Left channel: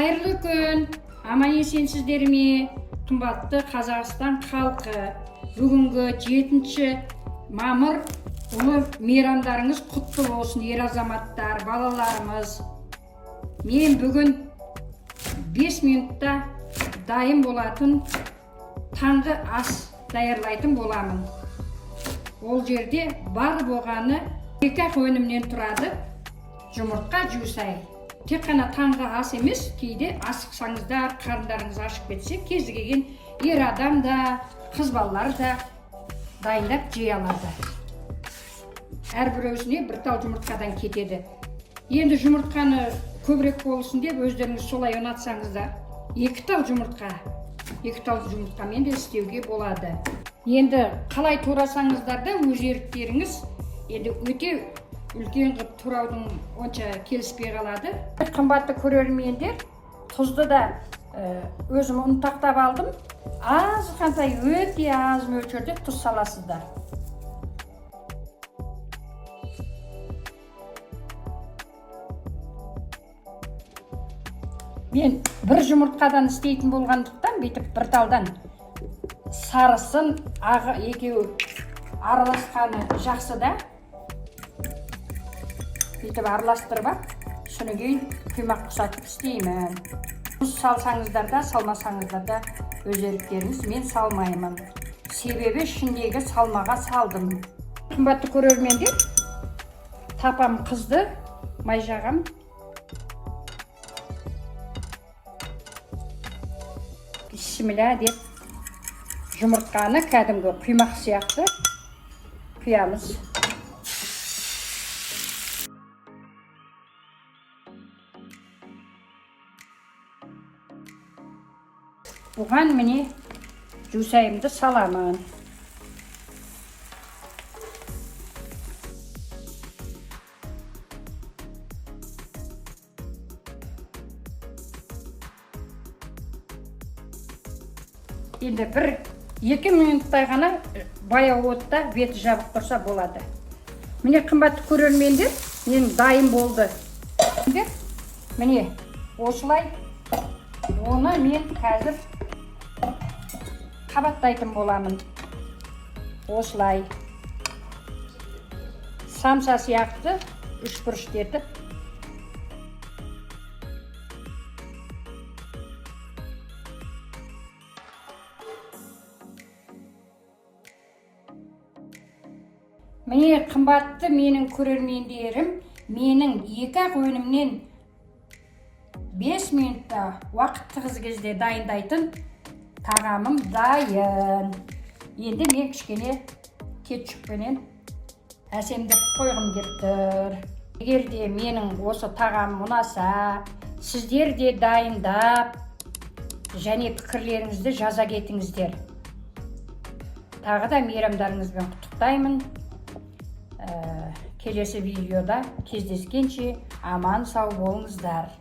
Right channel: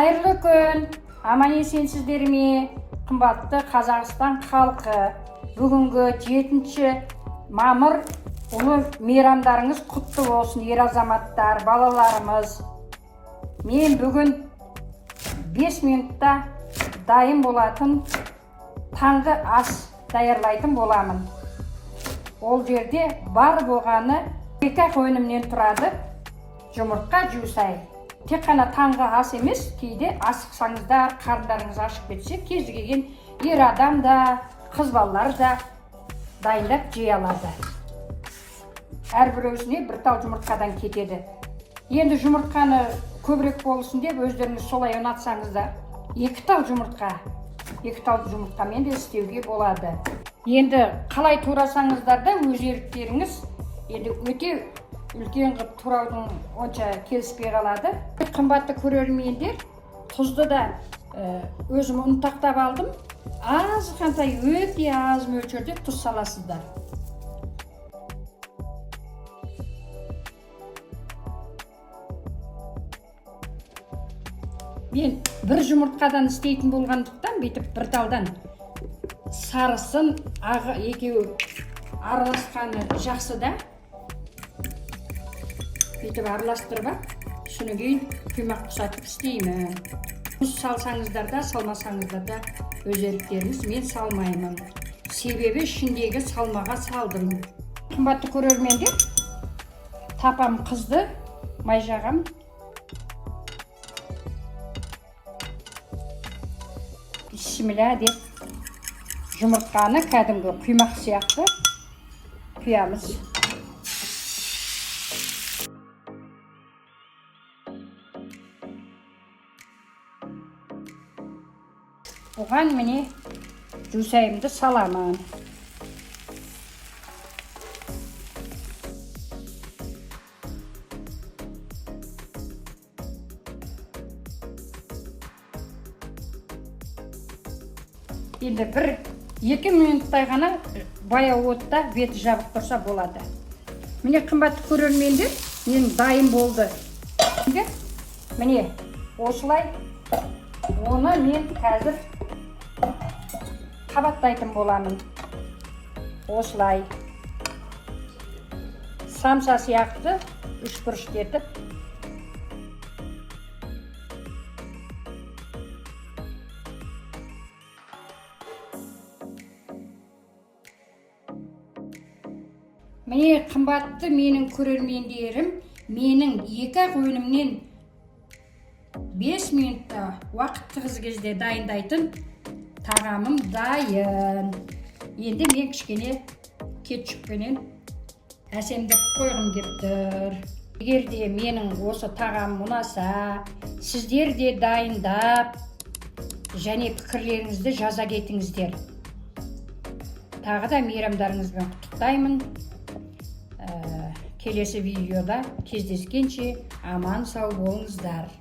Қайырлы күн, аман есенсіздер ме, қымбатты Қазақстан халқы. Бүгінгі 7 мамыр ұлы мейрамдарыңыз құтты болсын, ер азаматтар, балаларымыз. Мен бүгін 5 минутта дайын болатын таңғы ас даярлайтын боламын. Ол жерде бар болғаны 2 өнімнен тұрады: жұмыртқа, жусай. Тек қана таңғы ас емес, кейде асықсаңыздар, қарындарыңыз ашып кетсе, кез келген ер адам да, қыз балалар да дайындап жей алады. Әрбір өзіне бір тал жұмыртқадан кетеді. Енді жұмыртқаны көбірек болсын деп, өздеріңіз солай ұнатсаңыздар, 2 тал жұмыртқамен де істеуге болады. Енді қалай турасаңыздар да өз еріктеріңіз, енді өте үлкен қып тураудың онша келіспей қалады. Қымбатты көрермендер, тұзды да өзім ұнтақтап алдым. Аз қандай, өте аз мөлшерде тұз саласыздар. Мен бір жұмыртқадан істейтін болғандықтан, бүйтіп бір талдан сарысын, ағы екеуі араласқаны жақсы да. Бүйтіп араластырып, соны кейін құймақ құсатып істеймін. Тұз салсаңыздар да, салмасаңыздар да өз еріктеріңіз, мен салмаймын. Себебі ішіндегі салмаға салдым. Қымбатты көрермендер, тапам қызды, май жағам. Бисмилля деп жұмыртқаны кәдімгі құймақ сияқты құямыз. Бұған міне жусайымды саламын. Енді 1-2 минуттай ғана баяу отта беті жабық тұрса болады. Міне қымбатты көрермендер, мен дайын болды. Міне осылай оны мен қазір қабаттайтын боламын. Осылай самса сияқты 3 бұрышты етіп. Міне қымбатты менің көрермендерім, менің 2 өнімнен 5 минутта уақыттығыз кезде дайындайтын тағамым дайын. Енді мен кішкене кетчуппенен әсемдеп қойғым келіп тұр. Егер де менің осы тағамым ұнаса, сіздер де дайындап және пікірлеріңізді жаза кетіңіздер. Тағы да мейрамдарыңызбен құттықтаймын. Келесі видеода кездескенше аман сау болыңыздар.